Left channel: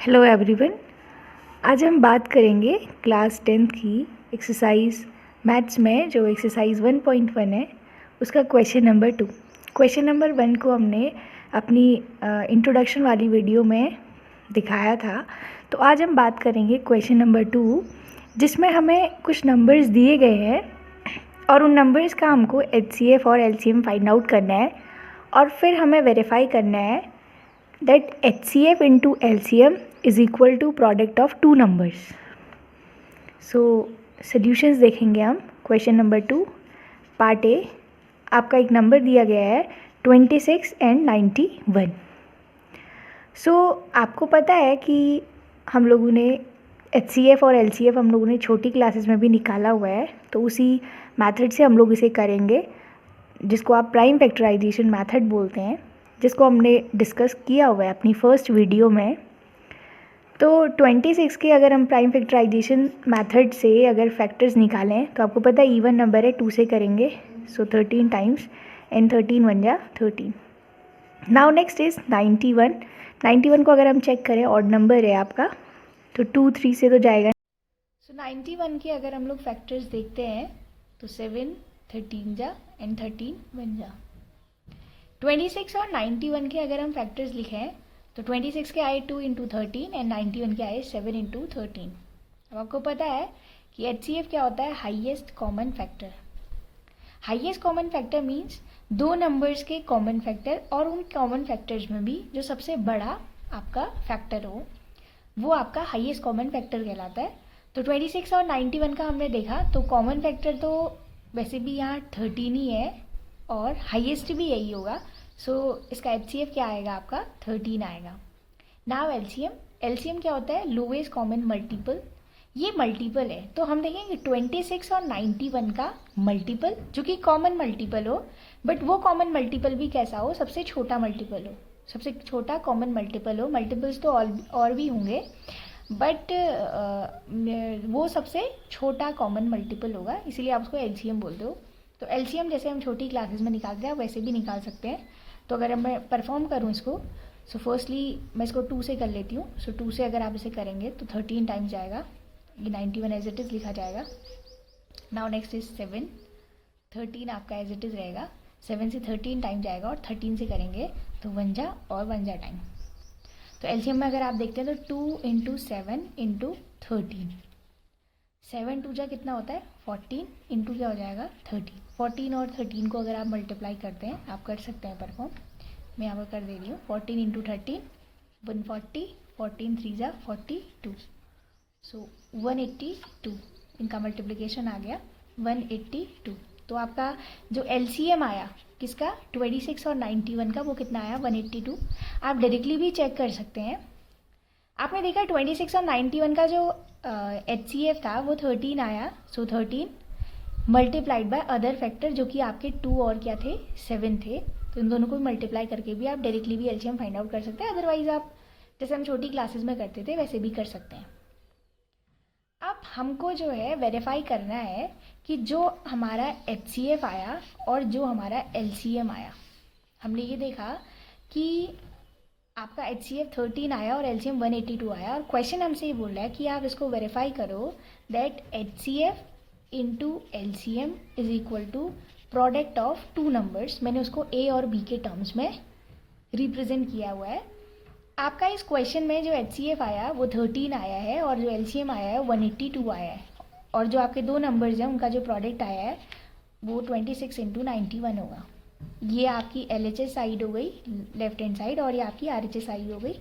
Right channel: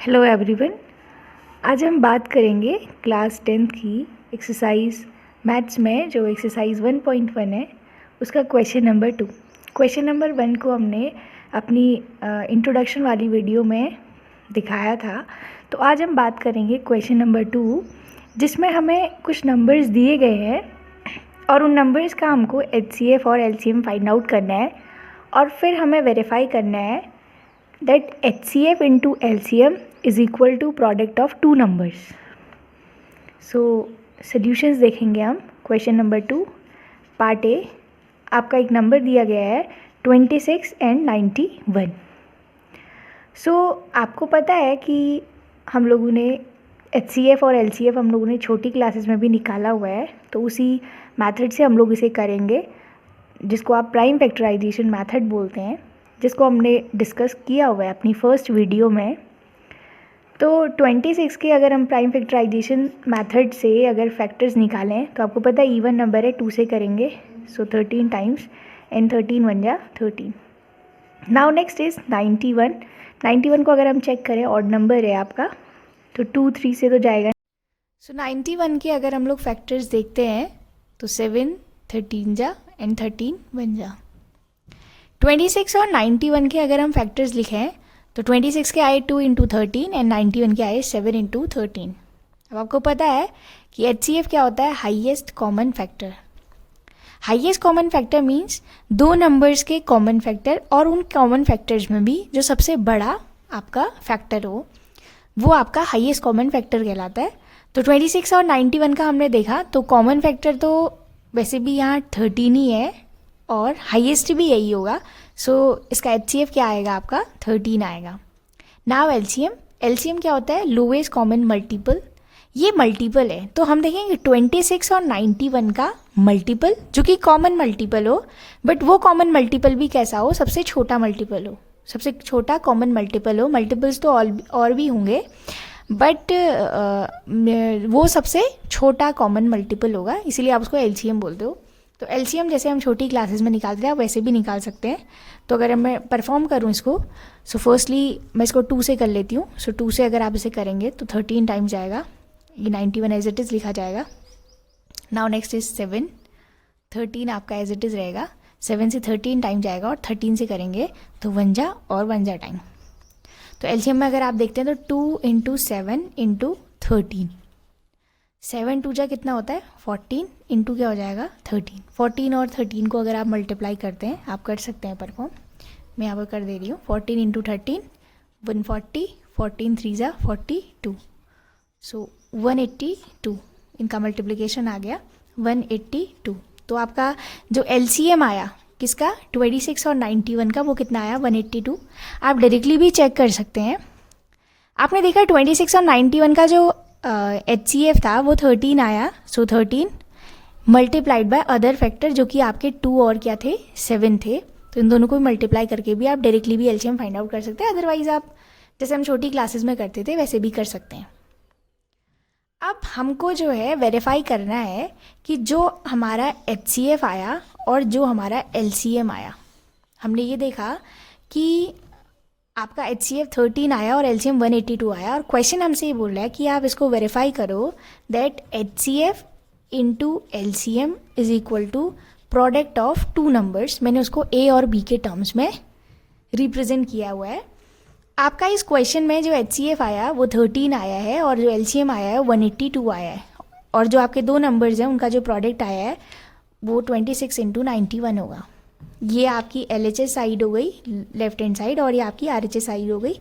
Hello everyone. आज हम बात करेंगे क्लास 10th की एक्सरसाइज मैथ्स में जो एक्सरसाइज 1.1 है उसका क्वेश्चन नंबर 2। क्वेश्चन नंबर 1 को हमने अपनी इंट्रोडक्शन वाली वीडियो में दिखाया था। तो आज हम बात करेंगे क्वेश्चन नंबर 2 जिसमें हमें कुछ नंबर्स दिए गए हैं और उन नंबर्स का हमको HCF और LCM फाइंड आउट करना है और फिर हमें वेरीफाई करना है that HCF into LCM is equal to product of two numbers. So solutions देखेंगे हम। क्वेश्चन नंबर 2 पार्ट ए, आपका एक नंबर दिया गया है 26 एंड 91। सो आपको पता है कि हम लोगों ने HCF और LCF हम लोगों ने छोटी क्लासेस में भी निकाला हुआ है, तो उसी मेथड से हम लोग इसे करेंगे जिसको आप प्राइम फैक्टराइजेशन मेथड बोलते हैं, जिसको हमने डिस्कस किया हुआ है अपनी फर्स्ट वीडियो में। तो 26 के अगर हम प्राइम फैक्टराइजेशन मेथड से अगर फैक्टर्स निकालें तो आपको पता है इवन नंबर है 2 से करेंगे, सो 13 टाइम्स एंड 13 बन जा 13। Now next is 91। 91 को अगर हम चेक करें ऑड नंबर है आपका, तो 2 3 से तो जाएगा। सो 91 के अगर हम लोग फैक्टर्स देखते हैं तो 7 13 जा एंड 13 बन जा। 26 और 91 के अगर हम फैक्टर्स लिखें तो 26 के आए 2 इंटू 13 एंड 91 के आए 7 इंटू 13। अब आपको पता है कि HCF क्या होता है, highest common factor. Highest common factor means दो नंबर्स के कॉमन फैक्टर और उन कॉमन फैक्टर्स में भी जो सबसे बड़ा आपका फैक्टर हो वो आपका हाईएस्ट कॉमन फैक्टर कहलाता है। तो 26 और 91 का हमने देखा तो कॉमन फैक्टर तो वैसे भी यहाँ 13 ही है और हाईएस्ट भी यही होगा। सो इसका HCF क्या आएगा आपका 13 आएगा। नाउ LCM क्या होता है, लोवेस्ट कॉमन मल्टीपल। ये मल्टीपल है तो हम देखेंगे 26 और 91 का मल्टीपल जो कि कॉमन मल्टीपल हो, बट वो कॉमन मल्टीपल भी कैसा हो, सबसे छोटा मल्टीपल हो, सबसे छोटा कॉमन मल्टीपल हो। मल्टीपल्स तो और भी होंगे बट वो सबसे छोटा कॉमन मल्टीपल होगा, इसीलिए आप उसको LCM बोलते हो। तो LCM जैसे हम छोटी क्लासेस में निकालते हैं आप वैसे भी निकाल सकते हैं। तो अगर मैं परफॉर्म करूँ इसको, सो फर्स्टली मैं इसको 2 से कर लेती हूँ। सो 2 से अगर आप इसे करेंगे तो 13 टाइम्स जाएगा, ये 91 एज इट इज़ लिखा जाएगा। नाउ नेक्स्ट इज 7, 13 आपका एज इट इज़ रहेगा। 7 से 13 टाइम जाएगा और 13 से करेंगे तो 1 जा और 1 जा टाइम। तो LCM में अगर आप देखते हैं तो 2 इंटू 7 इंटू 13, 7 2 जा कितना होता है 14 इंटू क्या हो जाएगा 13। 14 और 13 को अगर आप मल्टीप्लाई करते हैं आप कर सकते हैं परफॉर्म, मैं यहाँ पर कर दे रही हूँ। 14 इंटू 13 140, 14 3 जा 42, सो 182, इनका मल्टीप्लिकेशन आ गया 182। तो आपका जो LCM आया किसका 26 और 91 का वो कितना आया 182। आप डायरेक्टली भी चेक कर सकते हैं। आपने देखा 26 और 91 का जो HCF था वो 13 आया, सो 13 मल्टीप्लाइड बाय अदर फैक्टर जो कि आपके 2 और क्या थे 7 थे। तो इन दोनों को मल्टीप्लाई करके भी आप डायरेक्टली भी LCM फाइंड आउट कर सकते हैं, अदरवाइज आप जैसे हम छोटी क्लासेस में करते थे वैसे भी कर सकते हैं। अब हमको जो है वेरीफाई करना है कि जो हमारा HCF आया और जो हमारा LCM आया, हमने ये देखा कि आपका HCF 13 आया और LCM 182 आया और क्वेश्चन हमसे ये बोल रहा है कि आप इसको वेरीफाई करो that HCF into LCM is equal to product of two numbers. मैंने उसको A और B के टर्म्स में रिप्रेजेंट किया हुआ है। आपका इस क्वेश्चन में जो HCF आया वो 13 आया है और जो LCM आया है 182 आया है, और जो आपके दो नंबर्स हैं उनका जो प्रोडक्ट आया है वो 26 इंटू 91 होगा। ये आपकी LHS साइड हो गई लेफ्ट हैंड साइड और ये आपकी RHS साइड हो गई।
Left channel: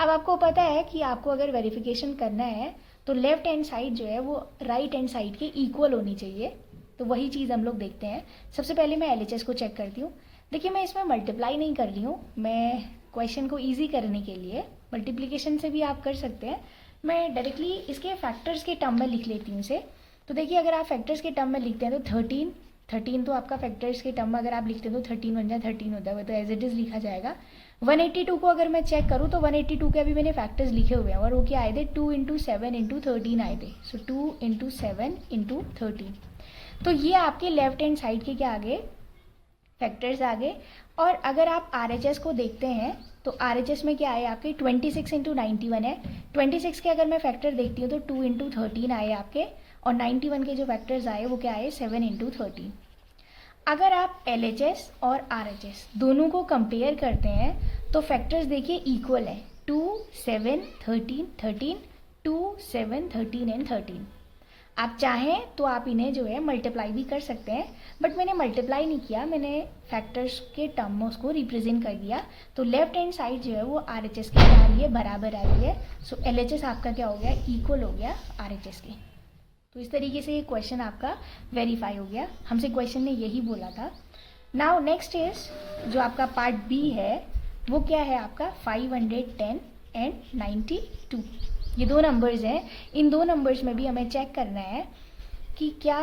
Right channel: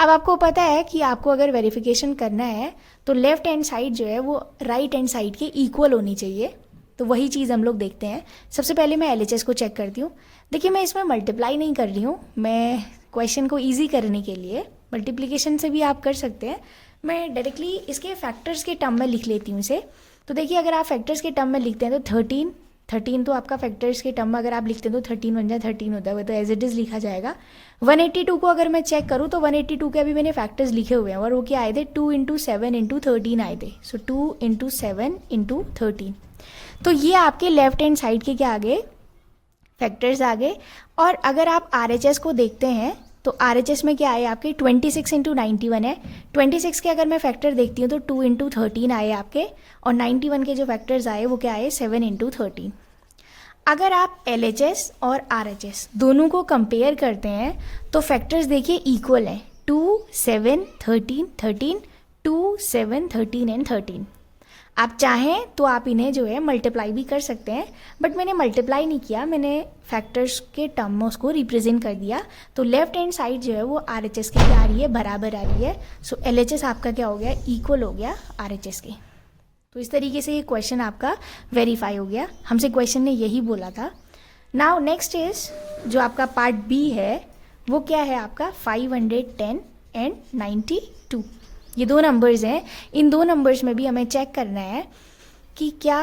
अब आपको पता है कि आपको अगर वेरिफिकेशन करना है तो लेफ्ट हैंड साइड जो है वो राइट हैंड साइड के इक्वल होनी चाहिए। तो वही चीज़ हम लोग देखते हैं। सबसे पहले मैं LHS को चेक करती हूँ। देखिए मैं इसमें मल्टीप्लाई नहीं कर रही हूँ, मैं क्वेश्चन को ईजी करने के लिए मल्टीप्लिकेशन से भी आप कर सकते हैं, मैं डायरेक्टली इसके फैक्टर्स के टर्म में लिख लेती हूँ इसे। तो देखिए अगर आप फैक्टर्स के टर्म में लिखते हैं तो 13 तो आपका फैक्टर्स के टर्म में अगर आप लिखते हैं तो 13 बन जाए 13 होता है, वो तो एज इट इज़ लिखा जाएगा। 182 को अगर मैं चेक करूँ तो 182 के अभी मैंने फैक्टर्स लिखे हुए हैं और वो क्या आए थे 2 इंटू 7 इंटू 13 आए थे। सो 2 इंटू 7 इंटू 13, तो ये आपके लेफ्ट हैंड साइड के क्या आ गए फैक्टर्स आ गए। और अगर आप RHS को देखते हैं तो RHS में क्या आए आपके 26 इंटू 91 है। 26 के अगर मैं फैक्टर देखती हूँ तो 2 इंटू 13 आए आपके, और 91 के जो फैक्टर्स आए वो क्या आए 7 इंटू 13। अगर आप LHS और RHS दोनों को कंपेयर करते हैं तो फैक्टर्स देखिए इक्वल है, 2 7 13 13, 2 7 13 एंड 13। आप चाहें तो आप इन्हें जो है मल्टीप्लाई भी कर सकते हैं, बट मैंने मल्टीप्लाई नहीं किया, मैंने फैक्टर्स के टर्म में उसको रिप्रेजेंट कर दिया। तो लेफ्ट हैंड साइड जो है वो RHS की आ रही है, बराबर आ रही है। सो LHS आपका क्या हो गया, इक्वल हो गया RHS के। तो इस तरीके से ये क्वेश्चन आपका वेरीफाई हो गया, हमसे क्वेश्चन ने यही बोला था। नाउ नेक्स्ट इज जो आपका पार्ट B है वो क्या है आपका 510 एंड 92। ये दो नंबर्स हैं, इन दो नंबर्स में भी हमें चेक करना है कि क्या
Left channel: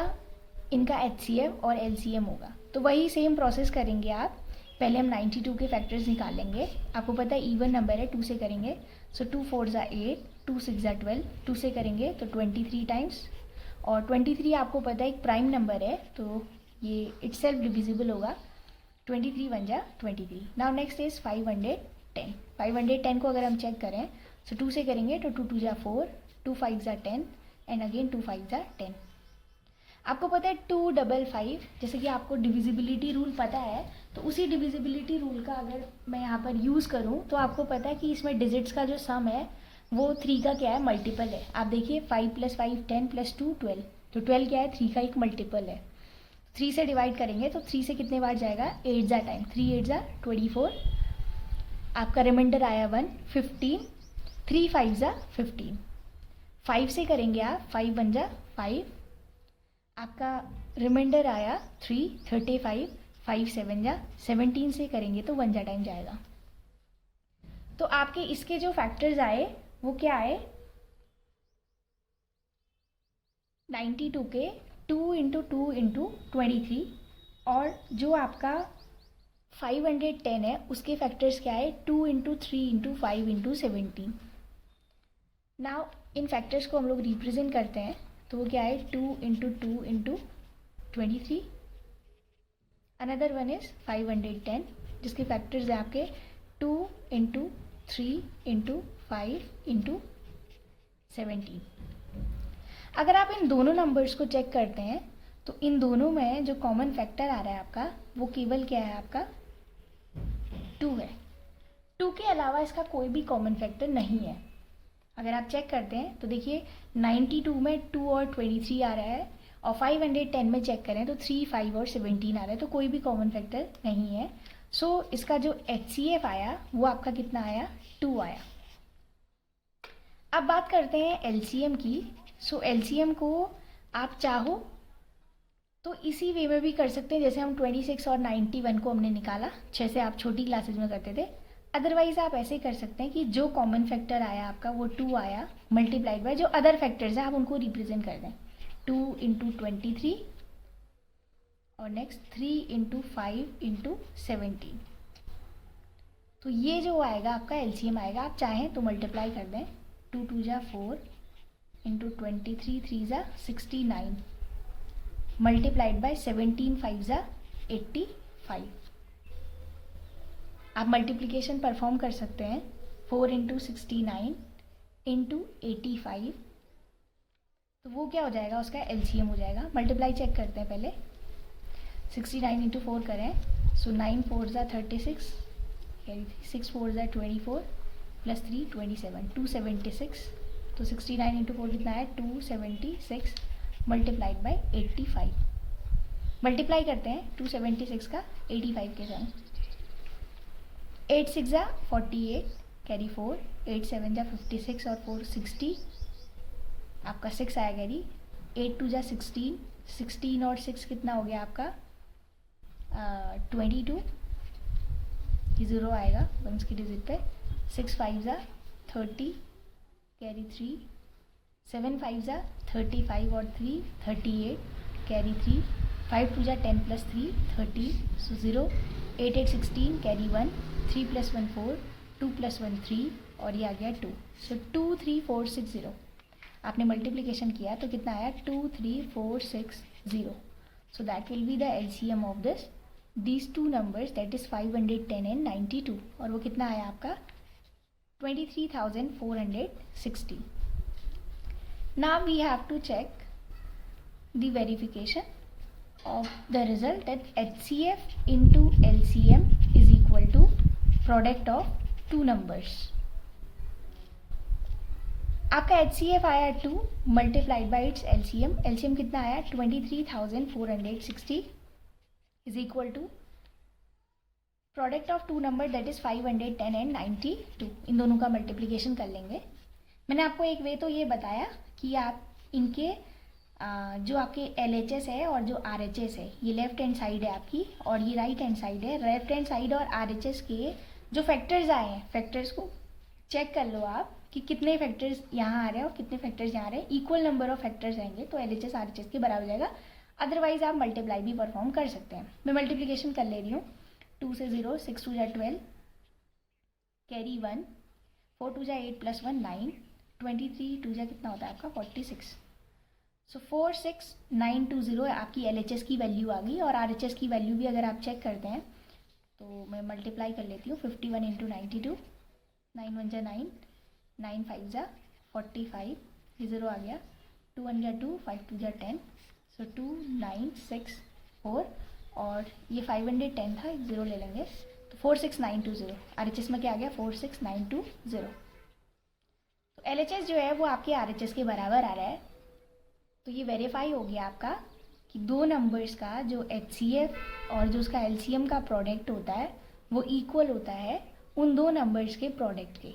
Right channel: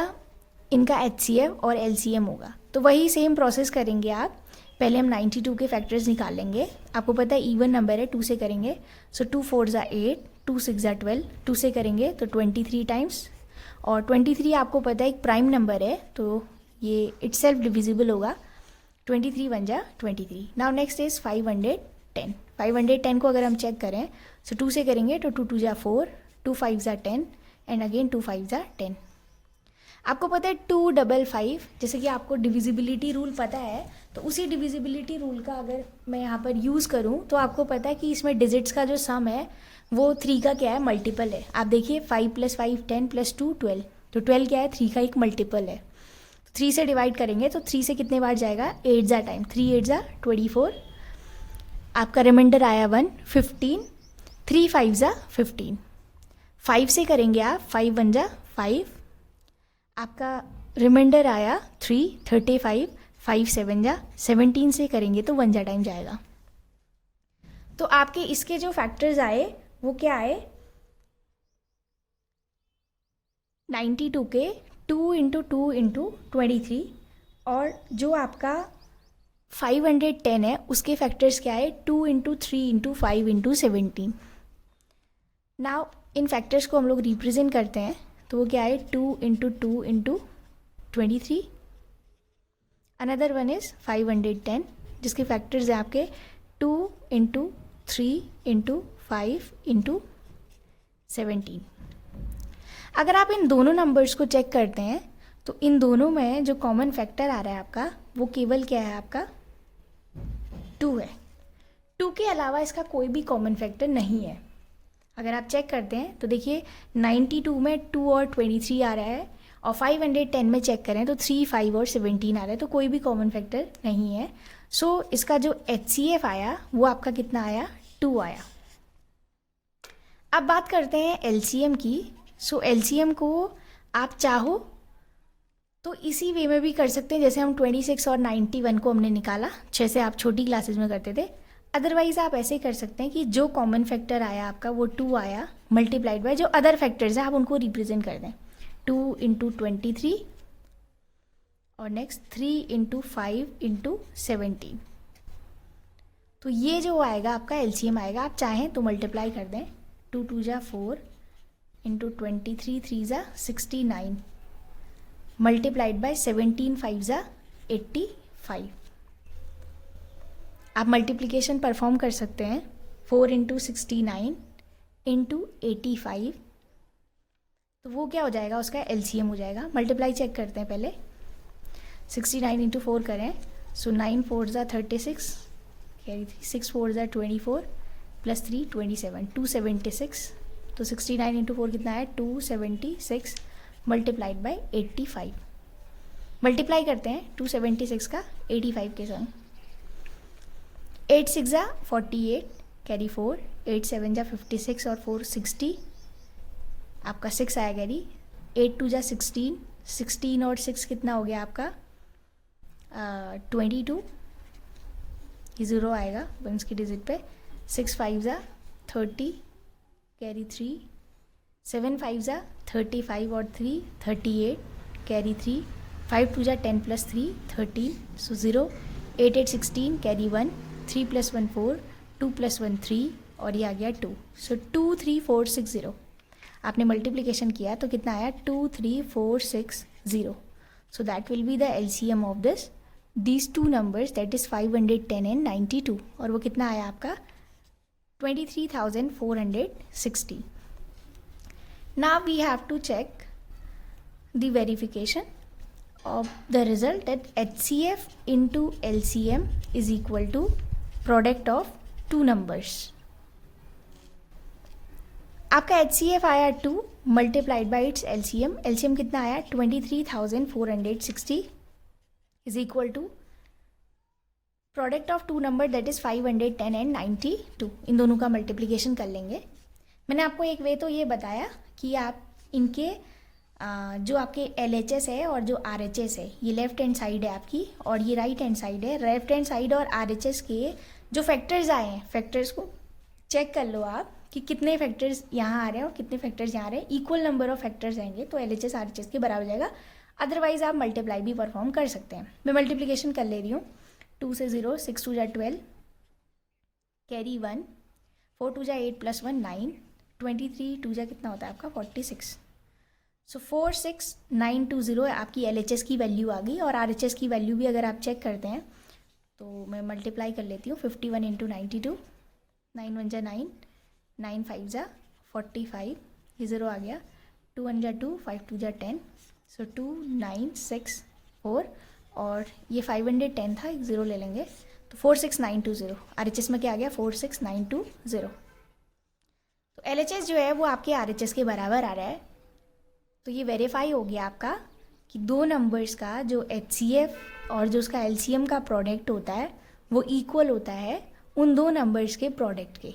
इनका HCF और LCM होगा। तो वही सेम प्रोसेस करेंगे आप। पहले हम 92 के फैक्टर्स निकालेंगे। आपको पता है इवन नंबर है, 2 से करेंगे। सो 2 4 ज़ा 8, 2 6 ज़ा 12, 2 से करेंगे तो 23 टाइम्स, और 23 आपको पता है एक प्राइम नंबर है तो ये इटसेल्फ डिविजिबल होगा, 23 1 जा 23। Now next is 510। 510 को अगर हम चेक करें सो 2 से करेंगे तो 2 2 जा 4, 2 5 जा 10 एंड अगेन 2 5 जा 10। आपको पता है 2 5 5, जैसे कि आपको डिविजिबिलिटी रूल पता है, तो उसी डिविजिबिलिटी रूल का अगर मैं यहाँ पर यूज़ करूँ तो आपको पता है कि इसमें डिजिट्स का जो सम है वो 3 का क्या है, मल्टीपल है। आप देखिए 5 + 5 10 + 2 12, तो 12 क्या है, 3 का एक मल्टीपल है। 3 से डिवाइड करेंगे तो 3 से कितने बार जाएगा, 8 जा टाइम, 3 8 जा 24। आपका रिमाइंडर आया 1 15, 3 5 जा 15। 5 से करेंगे आप 5 1 जा 5, आपका रिमाइंडर आया 3 35, 5 7 जा 17 से करेंगे तो 1 जा टाइम जाएगा। तो आपके इसके जो फैक्टर्स आए वो क्या आए, 92 के 2 इंटू 2 इंटू 23, और जो आपका 510 है उसके फैक्टर्स क्या है, 2 into 3 into 5 into 17। Now in factors को हम लोग रिप्रेजेंट करते हैं तो वो क्या है, 2 into 2 into 23। Another one is 510 जिसके फैक्टर्स हैं आपके 2 इंटू 3 इंटू 5 इंटू 17। अगर आप इन दोनों नंबर्स को चेक करते हैं तो इन दोनों में जो कॉमन फैक्टर आ रहा है आपका वो केवल क्या है, आपका 2 है। 2 के अलावा इसका कोई भी कॉमन फैक्टर नहीं है। अगर आप चेक करते हैं तो देखिए 92 में 2 और 23 आ रहा है, और 510 में चेक करें तो 3 5 और 17 आ रहा है, तो कोई भी कॉमन फैक्टर नहीं है। सो इसका जो HCF आया वो आपका कितना आया, 2 आया। अब बात करते हैं LCM की। सो LCM को आप चाहो तो इसी वे में भी कर सकते हैं जैसे हम 26 और 91 को हमने निकाला, जैसे आप छोटी क्लासेस में करते थे। अदरवाइज आप ऐसे कर सकते हैं कि जो कॉमन फैक्टर आया आपका वो 2 आया, मल्टीप्लाइड बाय जो अदर फैक्टर्स हैं आप उनको रिप्रेजेंट कर दें, 2 इंटू 23 और नेक्स्ट 3 इंटू 5 इंटू 17। तो ये जो आएगा आपका LCM आएगा। आप चाहें तो मल्टीप्लाई कर दें, 2 2 जा 4 इंटू 23 3 जा 69 मल्टीप्लाइड बाय 17 5 जा 85। आप मल्टीप्लिकेशन परफॉर्म कर सकते हैं, 4 इंटू 69 इंटू 85, तो वो क्या हो जाएगा, उसका LCM हो जाएगा। मल्टीप्लाई चेक करते हैं पहले, 69 इंटू 4 करें, सो 9 4 जा 36, 6 4 जा 24 प्लस 3 27, 276। तो 69 इंटू 4 कितना है, 276 मल्टीप्लाइड बाय 85। मल्टीप्लाई करते हैं 276 का 85 के संग, 8 6 जा 48 कैरी 4, 8 7 जा 56 और 4 60, आपका 6 आया कैरी, 8 2 जा 16, 16 और 6 कितना हो गया आपका 22, ये 0 आएगा वंस की डिजिट पे, 6 5 जा 30 कैरी 3, 7 5 जा 35 और 3 38 कैरी 3, 5 2 जा 10 प्लस 3 30, सो 0, 8 8 16 कैरी 1, 3 + 1 4, 2 + 1 3 और ये आ गया 2, सो 2 3 4 6 0। आपने मल्टीप्लिकेशन किया तो कितना आया, 2 3 4 6 0। सो that will be the LCM of this these two numbers, that is 510 and 92, और वो कितना आया आपका 23,460. Now we have to check the verification of the result, that HCF into LCM is equal to product of two numbers. आपका HCF आया 2 multiplied by its LCM. LCM कितना आया 23,460 is equal to product of two number, that is 510 and 92. इन दोनों का multiplication कर लेंगे. मैंने आपको एक वे तो ये बताया कि आप इनके जो आपके LHS है और जो RHS है, ये लेफ्ट हैंड साइड है आपकी और ये राइट हैंड साइड है. लेफ्ट हैंड साइड और RHS के जो फैक्टर्स आए हैं, फैक्टर्स को चेक कर लो आप कि कितने फैक्टर्स यहाँ आ रहे हैं और कितने फैक्टर्स यहाँ आ रहे हैं. इक्वल नंबर ऑफ फैक्टर्स आएंगे तो LHS RHS के बराबर हो जाएगा. अदरवाइज आप मल्टीप्लाई भी परफॉर्म कर सकते हैं. मैं मल्टीप्लिकेशन कर ले रही हूँ. 2 से 0, 6 2 जा 12, कैरी 1, 4 2 जा 8 प्लस 1 9, 23 2 जा कितना होता है आपका 46. सो 46920 आपकी LHS की वैल्यू आ गई. और RHS की वैल्यू भी अगर आप चेक करते हैं तो मैं मल्टीप्लाई कर लेती हूँ. 51 इंटू 92, 9 1 जा 9, 9 5 जा 45, ये 0 आ गया. 2 1 जा 2, 5 2 जा 10, सो 2 9 6 4, और ये 510 था, एक 0 ले लेंगे तो 46920. RHS में क्या आ गया 46920. तो LHS जो है वो आपके RHS के बराबर आ रहा है. तो ये वेरीफाई हो गया आपका कि दो नंबर्स का जो HCF और जो उसका LCM का प्रोडक्ट होता है वो इक्वल होता है उन दो नंबर्स के प्रोडक्ट के.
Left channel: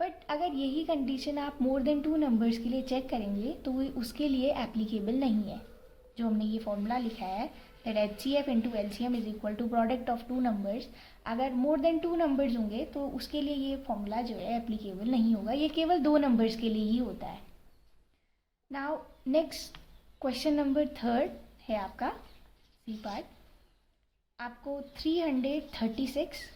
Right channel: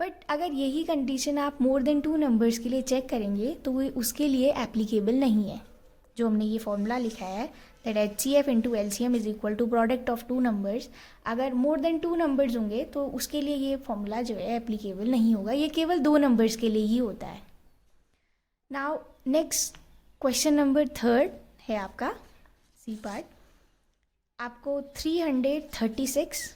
बट अगर यही कंडीशन आप मोर देन 2 नंबर्स के लिए चेक करेंगे तो वो उसके लिए एप्लीकेबल नहीं है. जो हमने ये फॉर्मूला लिखा है that HCF into LCM is equal to product of 2 numbers, अगर मोर देन 2 नंबर्स होंगे तो उसके लिए ये फॉर्मूला जो है एप्लीकेबल नहीं होगा. ये केवल 2 नंबर्स के लिए ही होता है. नाउ नेक्स्ट क्वेश्चन नंबर 3 है आपका सी पार्ट. आपको 336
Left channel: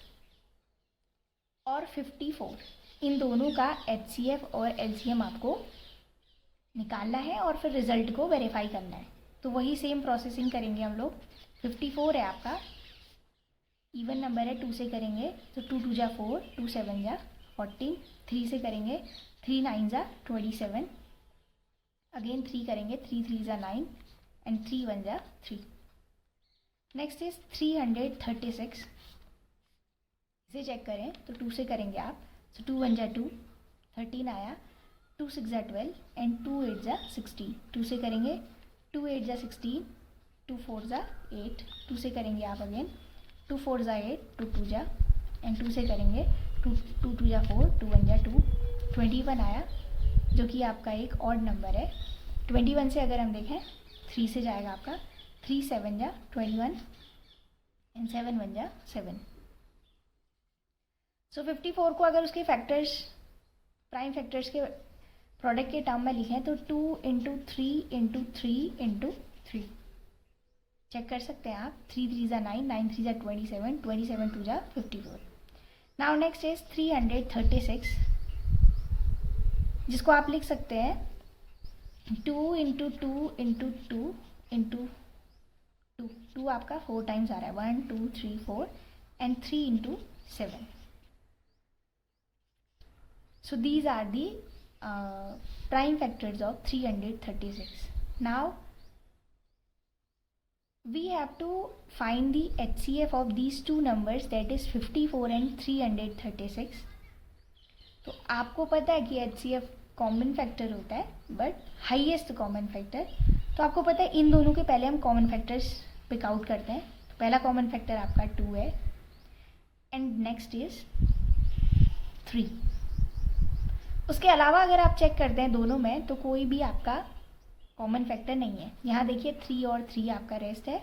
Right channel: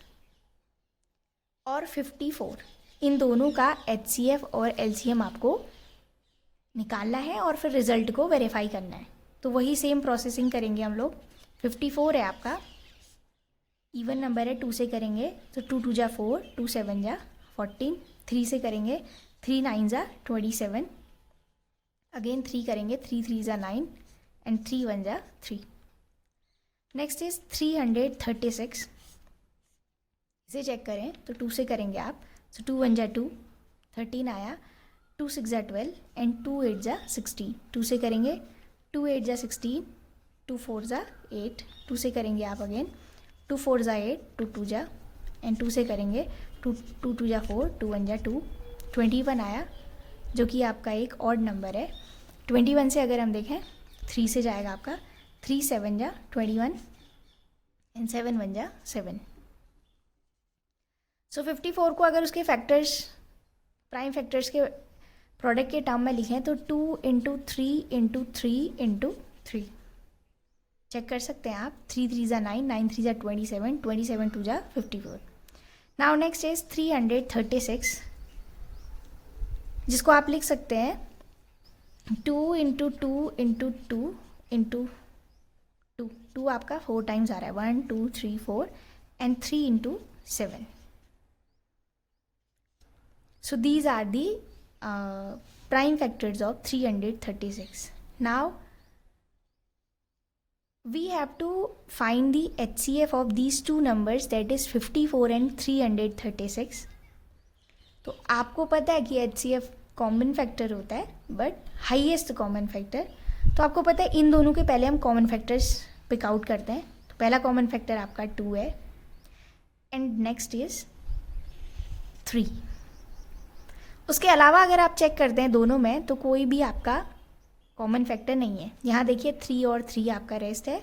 और 54 इन दोनों का HCF और LCM आपको निकालना है और फिर रिजल्ट को वेरीफाई करना है. तो वही सेम प्रोसेसिंग करेंगे हम लोग. 54 है आपका, इवन नंबर है, 2 से करेंगे तो 2 2 जा 4, 2 7 जा 14, 3 से करेंगे 3 9 जा 27, अगेन 3 करेंगे 3 3 जा 9 एंड 3 1 जा 3. Next is 336. इसे चेक करें तो 2 से करेंगे आप, सो 2 1 जा 2, 13 आया, 2 6 जा 12 एंड 2 8 जा 16. 2 से करेंगे 2 8 जा 16, 2 4 जा 8, 2 से करेंगे आप अगेन 2 4 जा 8, 2 2 जा एंड 2 से करेंगे 2 2 जा 4, 2 1 जा 2, 21 आया जो कि आपका एक ऑड नंबर है. 21 से अगर हम देखें 3 से जाएगा आपका 3 7 जा 21 एंड 7 1 जा 7. सो 54 को अगर उसके फैक्टर्स, प्राइम फैक्टर्स के प्रोडक्ट के टर्म में लिखें तो 2 इंटू 3 इंटू 3 इंटू 3 चेक कर सकते हैं आप. 3 3 जा 9, 9 3 जा 27, 27 2 जा 54. नाउ नेक्स्ट इज 336, जिसको आप लिख सकते हैं 2 इंटू 2 इंटू 2 इंटू 2. 2 आपका 4 टाइम्स आ रहा है, 1 2 3 4 and 3 into 7. So these are the prime factors of 336. Now we have to find the HCF of these two numbers, that is 54 and 336. तो आपको पता है कि HCF कॉमन फैक्टर होता है बट हाईएस्ट कॉमन फैक्टर. तो आपको पता है इन दोनों के पहले हम कॉमन फैक्टर्स पिक आउट करते हैं. तो पहला कॉमन फैक्टर आपका 2 है एंड नेक्स्ट इज 3. उसके अलावा अगर आप चेक करते हैं दोनों में तो कोई भी आपका कॉमन फैक्टर नहीं है. यहाँ देखिए 3 और 3 आपका रेस्ट है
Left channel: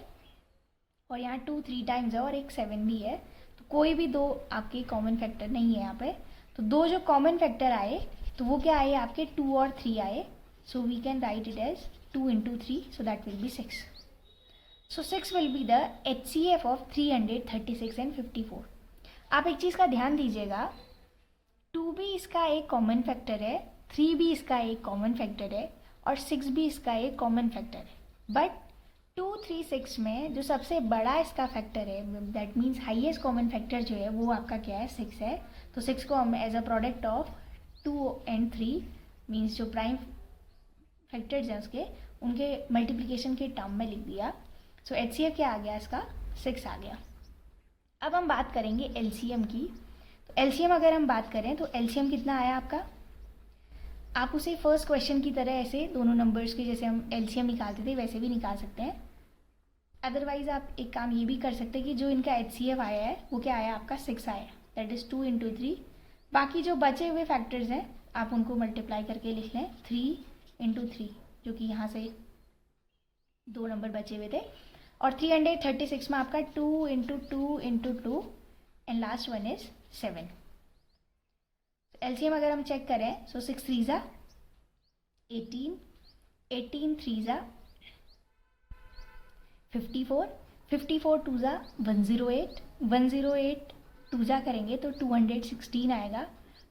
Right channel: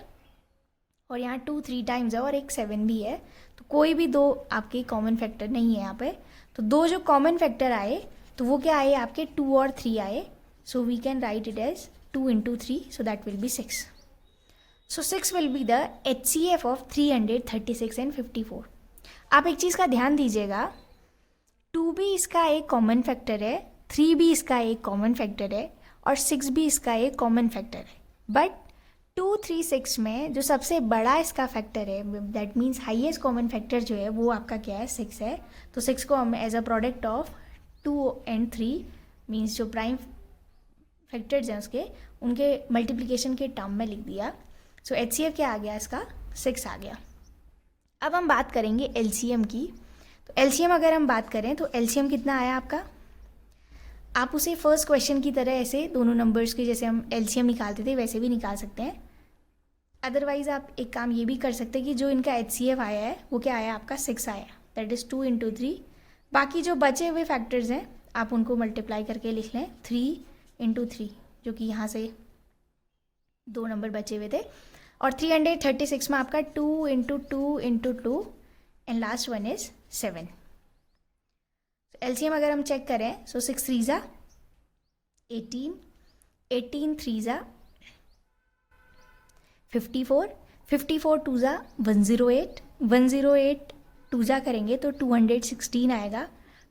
और यहाँ 2 3 टाइम्स है और एक 7 भी है. तो कोई भी दो आपके कॉमन फैक्टर नहीं है यहाँ पे. तो दो जो कॉमन फैक्टर आए तो वो क्या आए आपके 2 और 3 आए. So we can write it as 2 into 3, so that will be 6. So 6 will be the HCF of 336 and 54. आप एक चीज़ का ध्यान दीजिएगा, 2 भी इसका एक कॉमन फैक्टर है, 3 भी इसका एक कॉमन फैक्टर है और 6 भी इसका एक कॉमन फैक्टर है. बट 236 में जो सबसे बड़ा इसका फैक्टर है, that means highest common factor जो है वो आपका क्या है, 6 है। तो 6 को हम as a product of 2 and 3 means जो प्राइम फैक्टर्स हैं उसके उनके मल्टीप्लिकेशन के टर्म में लिख दिया। सो HCF क्या आ गया इसका, 6 आ गया। अब हम बात करेंगे LCM की। तो LCM अगर हम बात करें तो LCM कितना आया आपका, आप उसे फर्स्ट क्वेश्चन की तरह ऐसे दोनों नंबर्स के जैसे हम LCM निकालते थे वैसे भी निकाल सकते हैं। अदरवाइज आप एक काम ये भी कर सकते हैं कि जो इनका HCF आया है वो क्या आया आपका, 6 आया, दैट इज़ 2 × 3। बाकी जो बचे हुए फैक्टर्स हैं आप उनको मल्टीप्लाई करके लिख लें 3 × 3, जो कि यहाँ से 2 नंबर बचे हुए थे। और 336 में आपका 2 × 2 × 2 and last one is 7। LCM अगर हम चेक करें, सो 6 3 ज़ा 18, 18 3 ज़ा 54, 54 2 ज़ा 108, 108 2 ज़ा करेंगे तो 216 आएगा।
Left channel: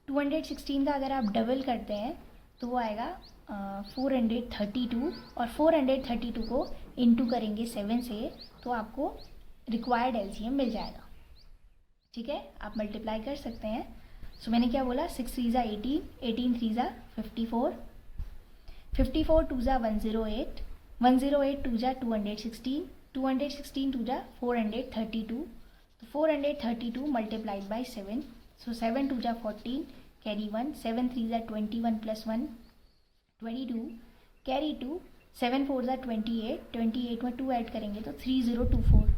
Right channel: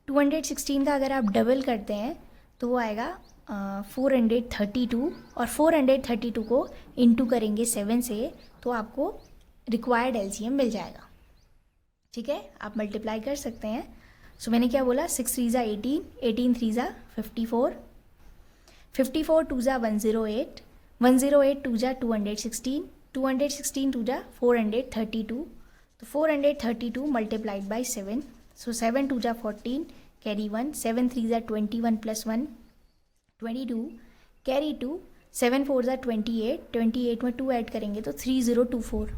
216 का अगर आप डबल करते हैं तो वो आएगा 432, और 432 को इंटू करेंगे 7 से तो आपको रिक्वायर्ड LCM मिल जाएगा। ठीक है, आप मल्टीप्लाई कर सकते हैं। सो मैंने क्या बोला, 6 3 ज़ा 18, 18 3 ज़ा 54, 54 2 ज़ा 108, 108 2 ज़ा 216, 216 2 ज़ा 432, तो 432 मल्टीप्लाइड बाई 7, सो 7 2 ज़ा 14 कैरी 1, 7 3 ज़ा 21 प्लस 1 22 कैरी 2, 7 4 ज़ा 28, 28 में 2 ऐड करेंगे तो 3024।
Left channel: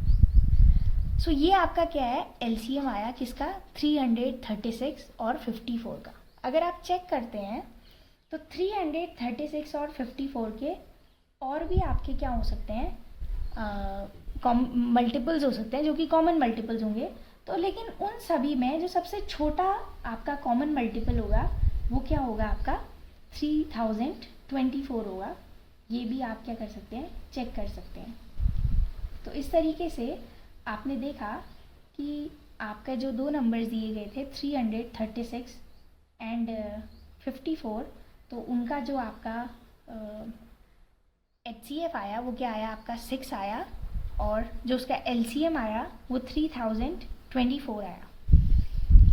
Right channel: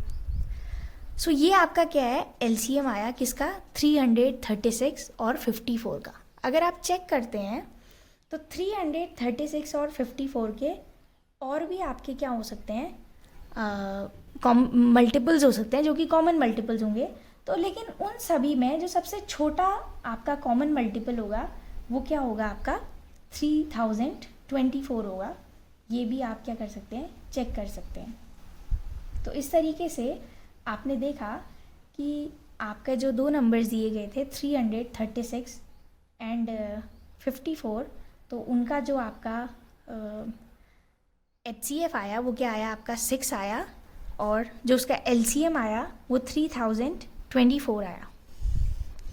सो ये आपका क्या है, LCM आया किसका, 336 और 54 का। अगर आप चेक करते हैं तो 336 और 54 के और भी आपके क्या हो सकते हैं, मल्टीपल्स हो सकते हैं जो कि कॉमन मल्टीपल्स होंगे। तो लेकिन उन सभी में जो सबसे छोटा आपका कॉमन मल्टीपल होगा वो क्या होगा आपका, 3024 होगा। ये भी आप क्या कर सकते हैं, चेक कर सकते हैं। तो इस तरीके से आपने देखा कि आपका जो दो नंबर्स दिए गए थे 336 एंड 54, तो उनका जो आपका HCF आया वो क्या आया आपका, 6 आया, और जो उसका LCM आया वो 3024 आया।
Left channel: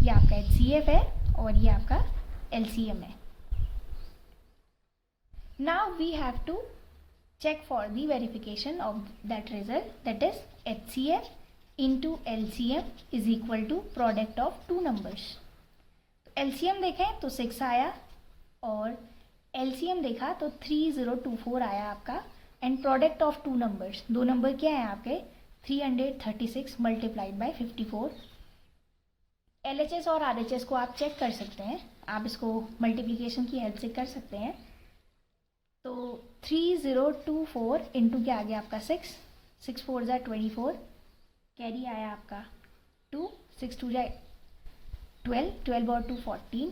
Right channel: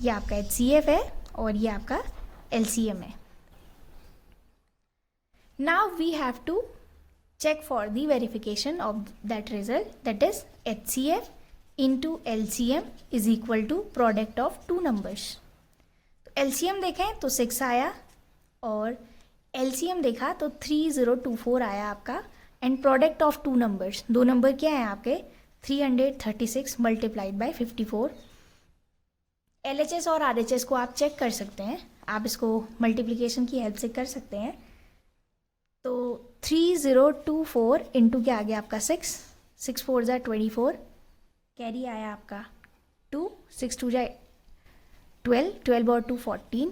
ये आपका HCF है और ये आपका LCM है। Now we have to check for the verification of that result, that is HCF into LCM is equal to product of two numbers। तो LCM देखें तो 6 आया और LCM देखा तो 3024 आया आपका, and product of two numbers, दो नंबर क्या है आपके, 336 मल्टीप्लाइड बाई 54। LHS और RHS को आप चेक कर सकते हैं, आप इसको मल्टीप्लिकेशन की हेल्प से कर सकते हैं। तो 3024 इंटू क्या आ गया आपका 6, 6 4 ज़ा 24 कैरी आया आपका 2, 6 2 ज़ा 12, 12 और 2 14,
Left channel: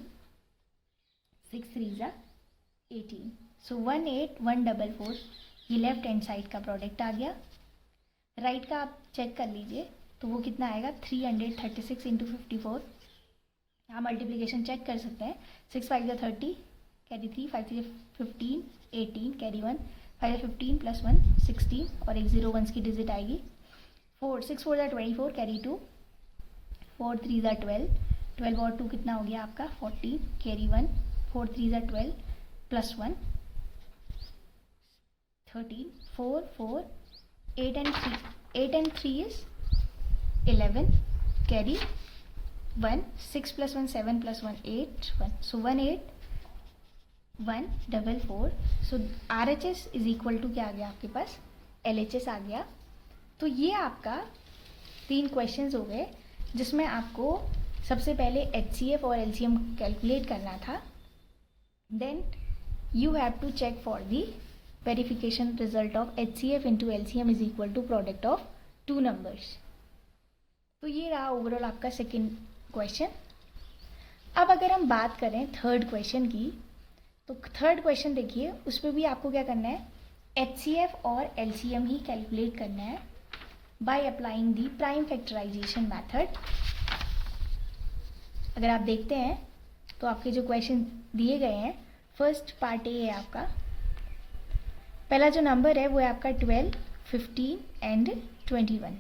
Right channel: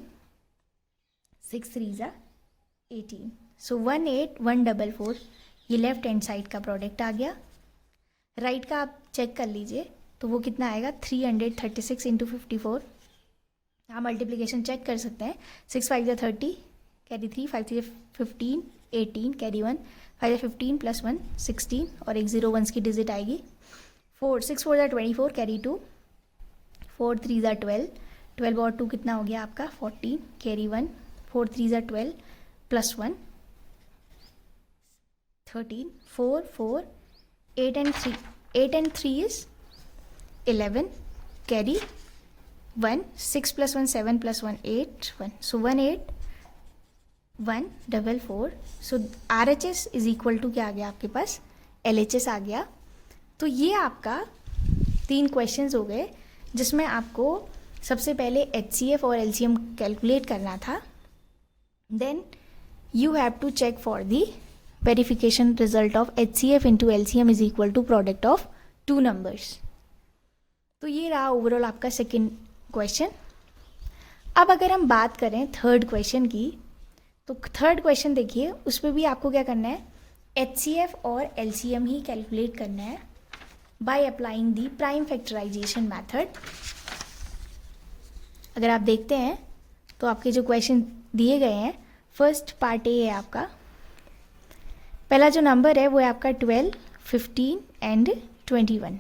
6 3 ज़ा 18, सो 18144 ये लेफ्ट हैंड साइड का प्रोडक्ट आ गया। राइट का आप चेक कर लीजिए तो वो कितना आएगा, 336 इंटू 54। आप मल्टीप्लिकेशन चेक कर सकते हैं, 6 5 ज़ा 30 कैरी 3, 5 3 15 18 कैरी 1, 5 15 प्लस 1 16 और एक 0 1 की डिजिट आएगी। 4 6 4 ज़ा 24 कैरी 2, 4 3 ज़ा 12, 12 और 2 कितना हो गया आपका 14 कैरी 1, 4 3 ज़ा 12 plus 1 13, 4 4 8 and 3 is 11 carry 1, 6 plus 1 7 plus 1 8 1, so 18144। So RHS is equal to क्या आ गया आपके पास, LHS आ गया। तो ये आपका 3 क्वेश्चंस हो गए जिसमें आपको सबसे पहले HCF और LCM कैलकुलेट करना था, then you have to check for the verification result of HCF into LCM is equal to product of two numbers. तो ये रहा ओवरऑल आपका सेकेंड क्वेश्चन। अब अगर हम बात करें थर्ड क्वेश्चन की, तो थर्ड क्वेश्चन देखिए, उस पर भी आपको क्या करना है, HCF और LCM ही कैलकुलेट करना है by applying the prime factorisation method. अगर आप देखते हैं तो आपके जो क्वेश्चन दिए गए हैं, फर्स्ट पार्ट ए है आपका, पहला जो नंबर है वो है आपका 12, 15 एंड 21।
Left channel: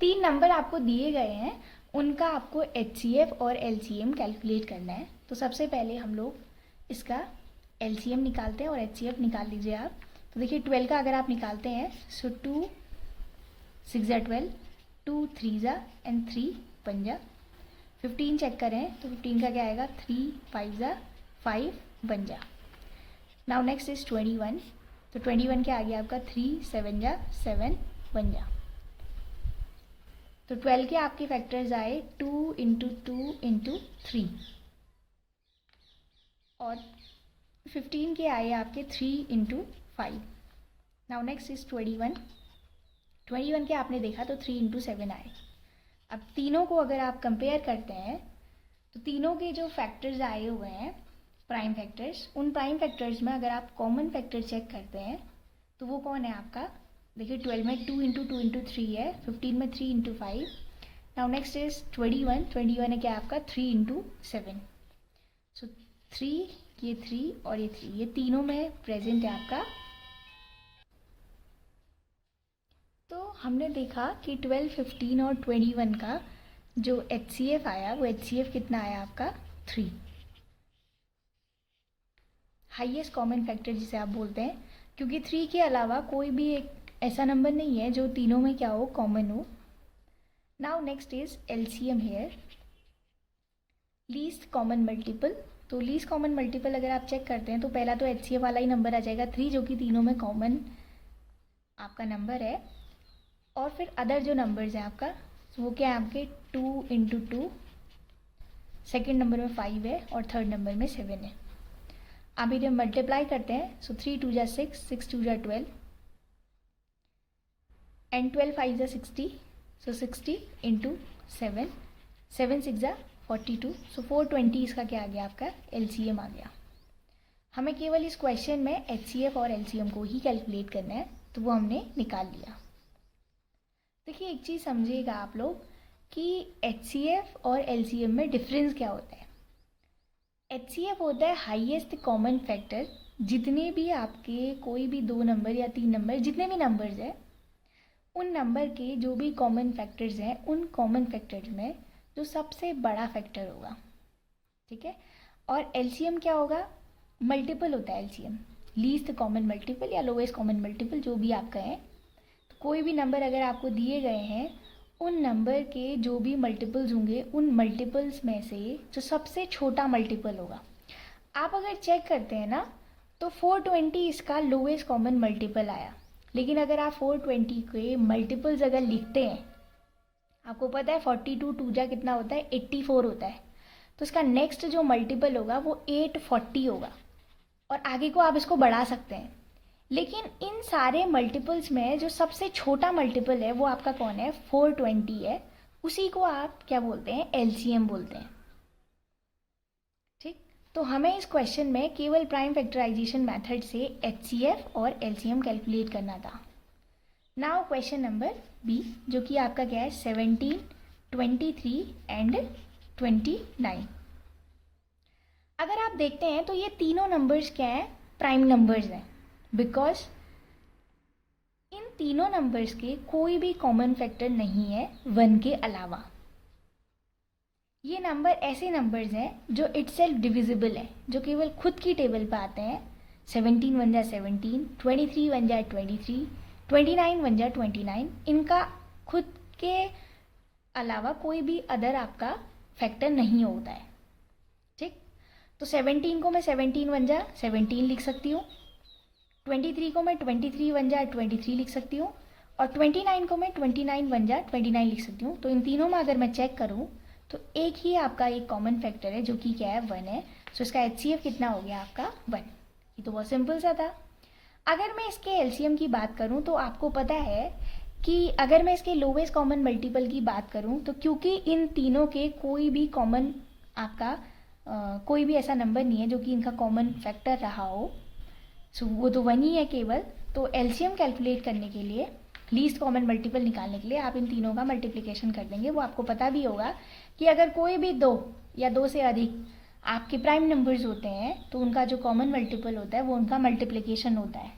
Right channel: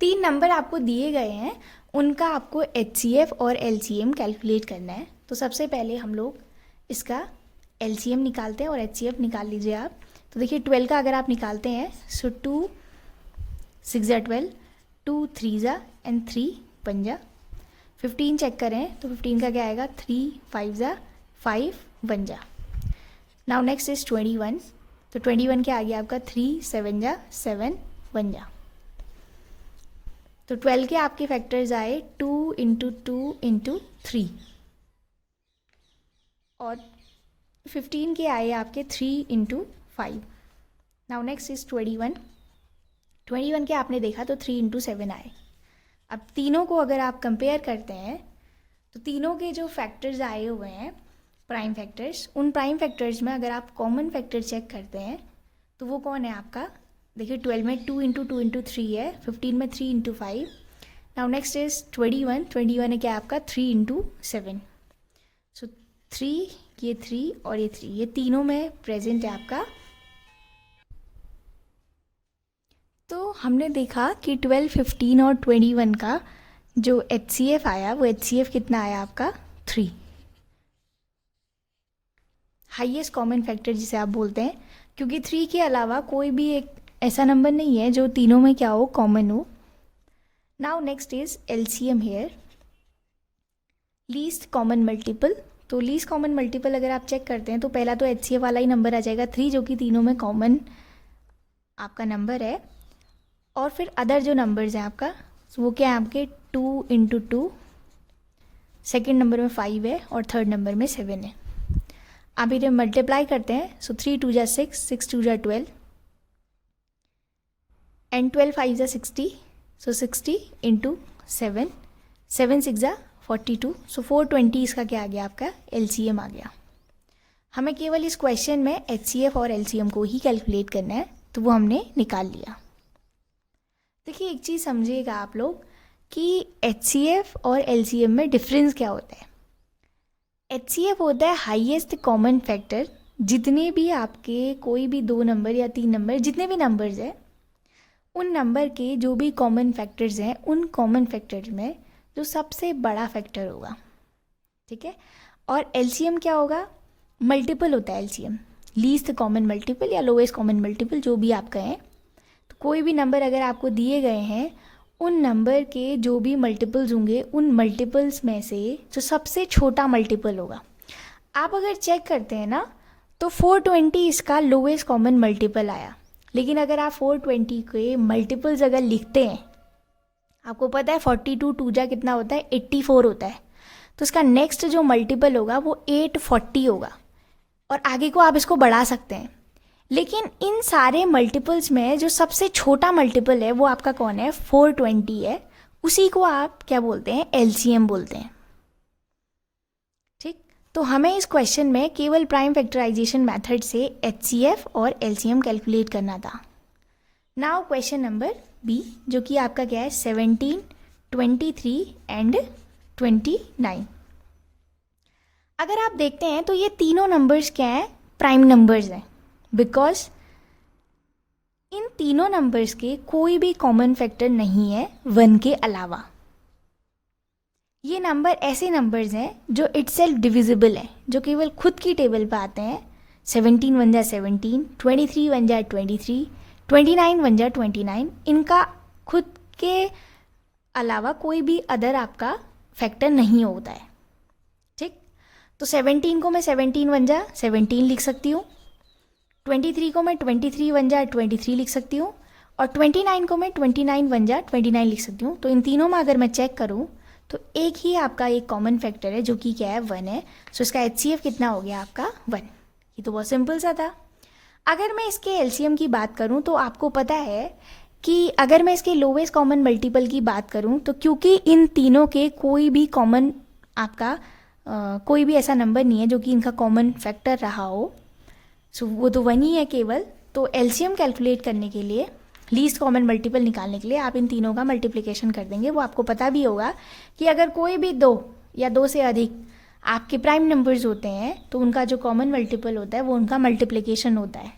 3 नंबर आपको दिए गए हैं, उनका आपको HCF और LCM कैलकुलेट करना है। तो सबसे पहले हम लोग इसका LCM निकालते हैं और HCF निकाल लीजिए आप। तो देखिए 12 का अगर आप निकालते हैं, सो 2 6 जा 12, 2 3 जा एंड 3 1 जा। 15 चेक करें तो 15 का क्या आएगा, 3 5 जा 5 1 जा। Now next is 21। तो 21 क्या आ गया आपका, 3 7 जा 7 1 जा। तो 12 के आपके फैक्टर्स आए 2 इंटू 2 इंटू 3 और 15 के आए आपके 3 इंटू 5। Now next is 21। 21 के आपने देखा तो 3 इंटू 7 आए। अब तीनों को अगर आप कंपेयर करते हैं तो तीनों के जो फैक्टर्स आए हुए हैं प्राइम फैक्टर्स, उन प्राइम फैक्टर्स में अगर आप कॉमन फैक्टर चेक करते हैं तो वो कौन है आपका, देखिए 12 में 2 इंटू 2 इंटू 3 है, 15 में 3 इंटू 5। नाउ नेक्स्ट इज 21 है क्या आपका 3 इंटू 7। सो 3, ये 3 और ये 3, ये तीनों में प्रेजेंट है आपका। तो हमने देखा कि 12, 15 और 21 का जो HCF आया वो HCF कितना आया आपका 3, हाईएस्ट कॉमन फैक्टर जिसे आप बोलते हैं, क्योंकि 3 के अलावा कोई भी एक ऐसा नंबर नहीं है जो तीनों में क्या हो, कॉमन हो। Now next is LCM here, least common multiple. तो लीस्ट कॉमन मल्टीपल अगर आप चेक करते हैं तो पहला तो HCF वाला ही नंबर आ जाएगा 3, जो कि तीनों में कॉमन आपका नंबर है। और फिर अदर जो नंबर्स हैं आपका वो क्या है आपके 2 इंटू 2, सेकेंड नंबर में 5 है और थर्ड नंबर में 7 है। आप इन्हें मल्टीप्लाई करते हैं, सो 3 2 जा 6, 6 2 जा 12 एंड 12 5 जा 60, सो 60 इंटू 7, 7 6 जा 42, सो 420 इसका क्या आ गया आपका LCM आ गया। हमें केवल इस क्वेश्चन में HCF और LCM को ही कैलकुलेट करना है, तो वो हमने निकाल लिया। देखिए एक चीज़ समझिएगा आप लोग कि HCF और LCM में डिफरेंस क्या होता है। HCF होता है हाईएस्ट कॉमन फैक्टर, जितने भी आपके कोई भी 2 नंबर या 3 नंबर, जितने भी नंबर्स हैं उन नंबर के जो भी कॉमन फैक्टर्स हैं, उन कॉमन फैक्टर्स में जो सबसे बड़ा फैक्टर होगा, ठीक है। और LCM क्या होगा, मल्टीपल होता है LCM, लीस्ट कॉमन मल्टीपल या लोएस्ट कॉमन मल्टीपल, जो भी आप कहें। तो कोई भी नंबर अगर आपको दिए गए हैं, उन नंबर के जो भी मल्टीपल्स होंगे, उन मल्टीपल्स में से जो सबसे छोटा मल्टीपल होगा। आप अगर चेक करते हैं ना तो 420 इसका लोएस्ट कॉमन मल्टीपल आया, लेकिन अगर आप 420 के मल्टीपल्स अगर लिखते हैं, आपको पता है 42 2 जा कितना होता है 84 होता है, तो इसका नेक्स्ट जो मल्टीपल होगा वो 840 होगा, और आगे को आप इसको बढ़ा सकते हैं। लेकिन इन सारे मल्टीपल्स में जो सबसे छोटा मल्टीपल है वो आपका कौन है, 420 है, उसी को आप क्या बोलते हैं, LCM बोलते हैं, ठीक। तो हमें इस क्वेश्चन में केवल प्राइम फैक्टराइजेशन मेथड से HCF और LCM कैलकुलेट करना था। नाउ क्वेश्चन नंबर B, जो कि आपका क्या है 17, 23 एंड 29। अगर आप देखते हैं तो ये तीनों नंबर्स क्या हैं, प्राइम नंबर्स हैं, बिकॉज इन तीनों नंबर्स के कोई भी कॉमन फैक्टर नहीं है 1 के अलावा। ये नंबर ऐसे नंबर्स हैं जो इटसेल्फ डिविजिबल है, जो केवल खुद की टेबल पे आते हैं। 17 1 जा 17, 23 1 जा 23, 29 1 जा 29, इनका खुद के अलावा कोई भी अदर आपका फैक्टर नहीं होता है, ठीक। तो 17 को मैं 17 1 जा 17 लिख सकती हूँ, 23 को मैं 23 1 जा 23 लिख सकती हूँ, और 29 को मैं 29 1 जा 29 लिख सकती हूँ। तो इन तीनों में अगर मैं चेक करूँ तो एक ही आपका एक कॉमन फैक्टर है, जो कि क्या है 1 है। सो इसका HCF कितना हो गया आपका 1। ये तो बहुत सिंपल सा था। अगर मैं इसके LCM की बात करूँ तो आपको पता है कि अगर मैं इसके लोवेस्ट कॉमन मल्टीपल की बात करूँ तो क्योंकि इन तीनों के कोई भी कॉमन आपका कोई भी ऐसा नंबर नहीं है जो कि इनका कॉमन फैक्टर रहा हो, सो वो तो 1 ही है केवल। तो LCM कैलकुलेट करने के लिए, लीस्ट कॉमन मल्टीपल निकालने के लिए आप इन तीनों का मल्टीप्लिकेशन कर देंगे। वो आपको पता भी होगा कि अगर कोई भी 2 या 2 से अधिक आपके प्राइम नंबर्स होते हैं तो उनका जो कॉमन मल्टीपल होता है वो उनका मल्टीप्लिकेशन होता है,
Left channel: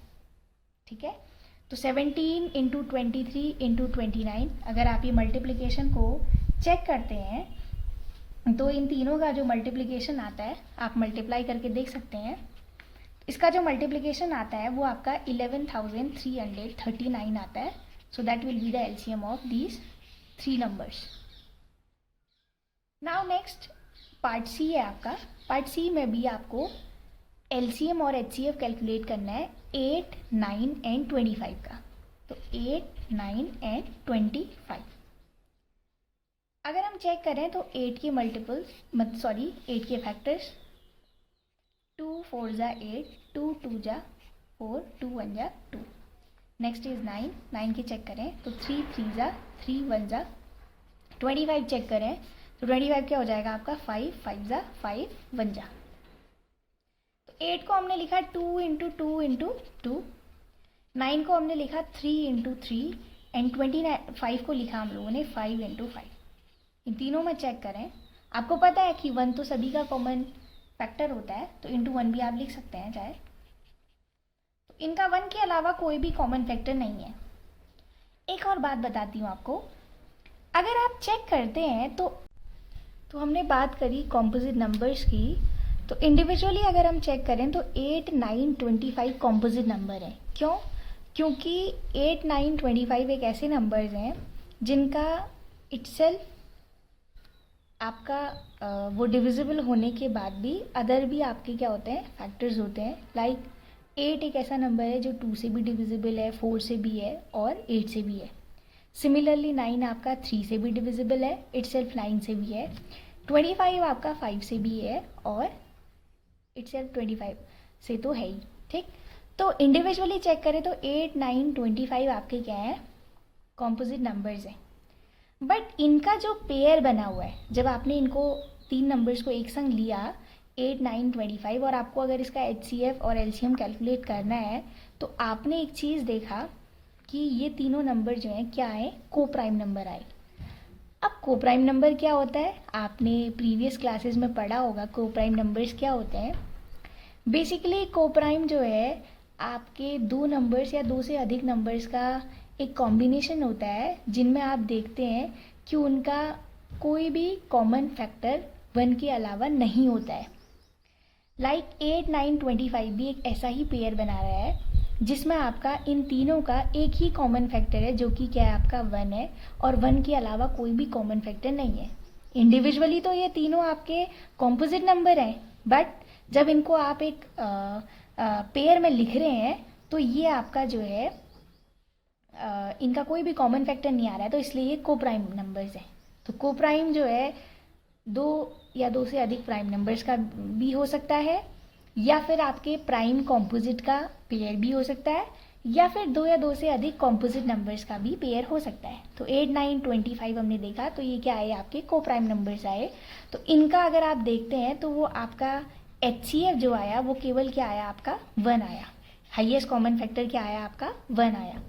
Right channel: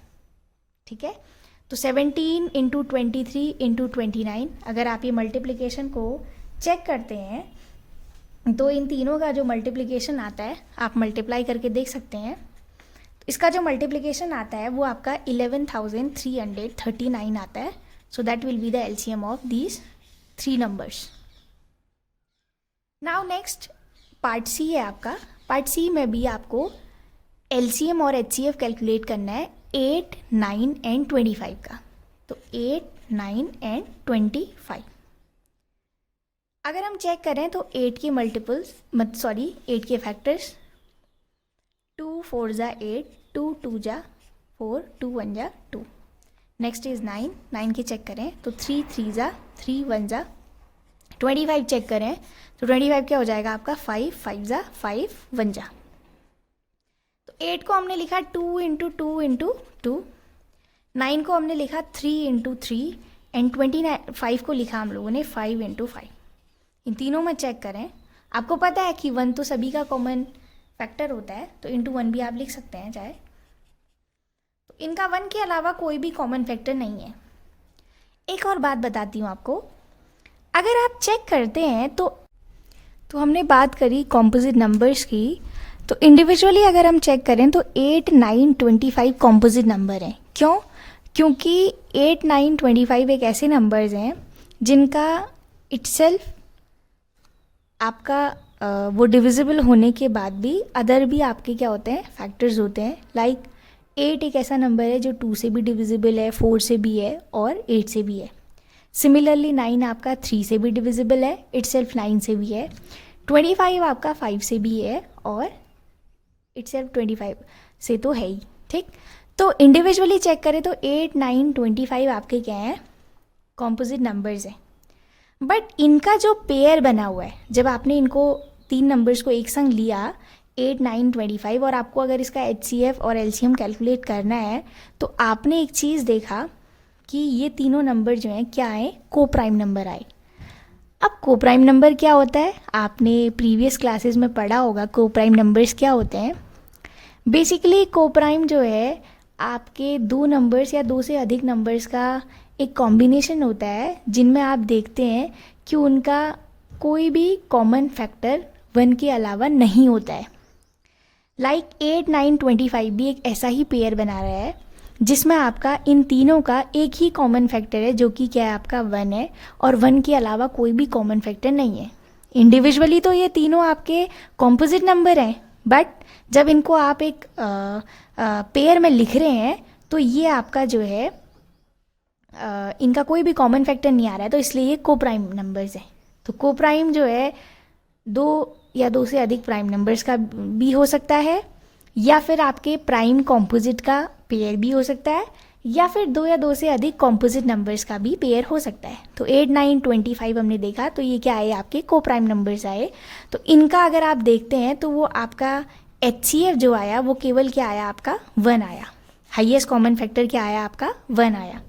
ठीक है। तो 17 इंटू 23 इंटू 29, अगर आप ये मल्टीप्लिकेशन को चेक करते हैं तो इन तीनों का जो मल्टीप्लिकेशन आता है आप मल्टीप्लाई करके देख सकते हैं। इसका जो मल्टीप्लिकेशन आता है वो आपका 11,339 आता है। So that will be the LCM of these 3 numbers. Now next part C है आपका। पार्ट सी में भी आपको एलसीएम और एचसीएफ कैलकुलेट करना है 8, 9 एंड 25 का। तो 8, 9 एंड 25। अगर हम चेक करें तो 8 के मल्टीपल्स 8 के फैक्टर्स 2 4 जा 8, 2 2 जा 4, 2 1 जा 2। नेक्स्ट इज 9, 9 के चेक करें तो 3 3 जा 3, 1 जा। 25 चेक करें तो 25 क्या हो जाएगा आपका 5 5 जा 5, 1 जा। तो 8 को हमने लिखा 2 इंटू 2 इंटू 2, 9 को हमने लिखा 3 इंटू 3 एंड 25 को लिखा हम लोगों ने 5 इंटू 5। इन तीनों में चेक करें, आपको पता है कि 1 तो सभी का कॉमन फैक्टर होता है, तो इंटू 1 भी आप लिख सकते हैं चाहे। तो इनका 1 के अलावा कोई भी कॉमन फैक्टर नहीं है। एक और बात बताती हूँ आपको, अगर आप चेक करते हैं तो हमने बात करी कॉम्पोजिट नंबर्स की, तो इंडिविजुअली अगर हम चेक करें तो 8, 9, 25 कॉम्पोजिट नंबर हैं। क्यों? क्योंकि 8, 9, 25 एक ऐसे नंबर्स हैं जिनका इटसेल्फ आपका वो डिविजिबल होने के बाद भी अदर भी आपके क्या होते हैं फैक्टर्स होते हैं। लाइक 8 एक ऐसा नंबर है जो 2 से भी डिविजिबल है, 4 से भी है और 8 से भी है। सिमिलरली 9 आपका 3 से भी डिविजिबल है, इटसेल्फ 9 से भी है। 25 आपका 5 से भी है और इटसेल्फ 25 से तो है ही। ठीक, तो इंडिविजुअली चेक करें तो 8, 9, 25 आपके क्या हैं कॉम्पोजिट नंबर्स हैं। बट इनका जो पेयर बना हुआ है, जब आपने इनको 3 नंबर्स को एक संग लिया 8, 9, 25 और आपको अगर इसका एचसीएफ और एलसीएम कैलकुलेट करना है तो आपने एक चीज़ देखा कि ये तीनों नंबर जो हैं क्या आए, को प्राइम नंबर आए। अब को प्राइम नंबर क्या होता है, आपने प्रीवियस क्लासेस में पढ़ा होगा को प्राइम नंबर्स क्या होते हैं। बेसिकली को प्राइम जो है आपके 2 नंबर्स या 2 से अधिक नंबर्स का एक कॉम्बिनेशन होता है जिनमें आप देखते हैं कि उनका कोई भी कॉमन फैक्टर 1 के अलावा नहीं होता है। लाइक 8, 9, 25 भी एक ऐसा ही पेयर बना रहा है जिसमें आपका इन तीनों का एक ही कॉमन फैक्टर है जो कि क्या है आपका 1 है और 1 के अलावा कोई भी कॉमन फैक्टर नहीं है। इंडिविजुअली तो ये तीनों आपके कॉम्पोजिट नंबर हैं, बट जब इनको आप एक पेयर में लिख रहे हैं तो ये आपका जो है इनका कोई भी कॉमन फैक्टर नहीं आ रहा है, तो इसलिए ये को प्राइम नंबर्स हैं। तो को प्राइम जो है 2 या 2 से अधिक प्राइम नंबर्स का भी हो सकता है, या फिर आपके प्राइम कॉम्पोजिट का पेयर भी हो सकता है, या फिर 2 या 2 से अधिक कॉम्पोजिट नंबर्स का भी पेयर हो सकता है। तो 8, 9, 25 हमने देखा तो ये क्या आए आपके को प्राइम नंबर्स आए। तो इनका अगर आप देखते हैं तो वो आपका एचसीएफ जो आया वो केवल क्या आया आपका 1 आया। हाईएस्ट कॉमन फैक्टर क्या आया आपका 1 आया।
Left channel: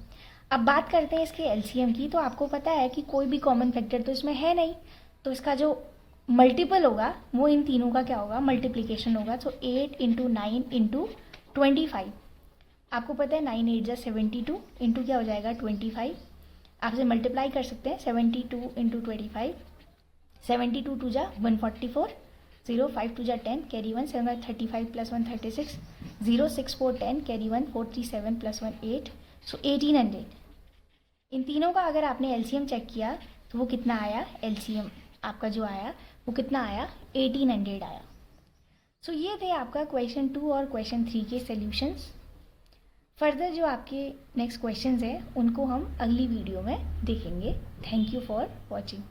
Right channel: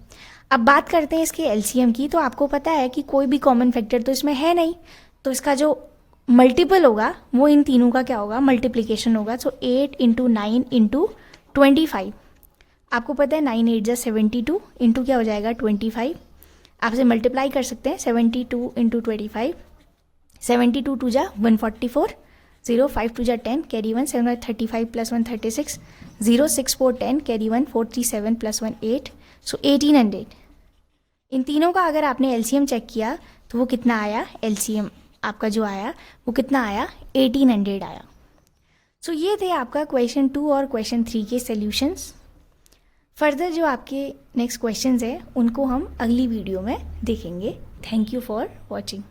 अब बात करते हैं इसके एलसीएम की, तो आपको पता है कि कोई भी कॉमन फैक्टर तो इसमें है नहीं, तो इसका जो मल्टीपल होगा वो इन तीनों का क्या होगा मल्टीप्लिकेशन होगा। सो 8 इंटू 9 इंटू 25, आपको पता है 9 8 जा 72 इंटू क्या हो जाएगा 25, आपसे मल्टीप्लाई कर सकते हैं 72 इंटू 25, 72 2 जा 144, 0 5 2 जा 10 कैरी 1 7 35 प्लस 1 36, 0 6 4 10 कैरी 1 4 3 7 प्लस 1 8, सो 1800। इन तीनों का अगर आपने एलसीएम चेक किया तो वो कितना आया, एलसीएम आपका जो आया वो कितना आया 1800 आया। सो ये थे आपका क्वेश्चन 2 और क्वेश्चन 3 के सॉल्यूशंस। फर्दर जो आपके नेक्स्ट क्वेश्चंस है उनको हम अगली वीडियो में देखेंगे। Thank you for watching.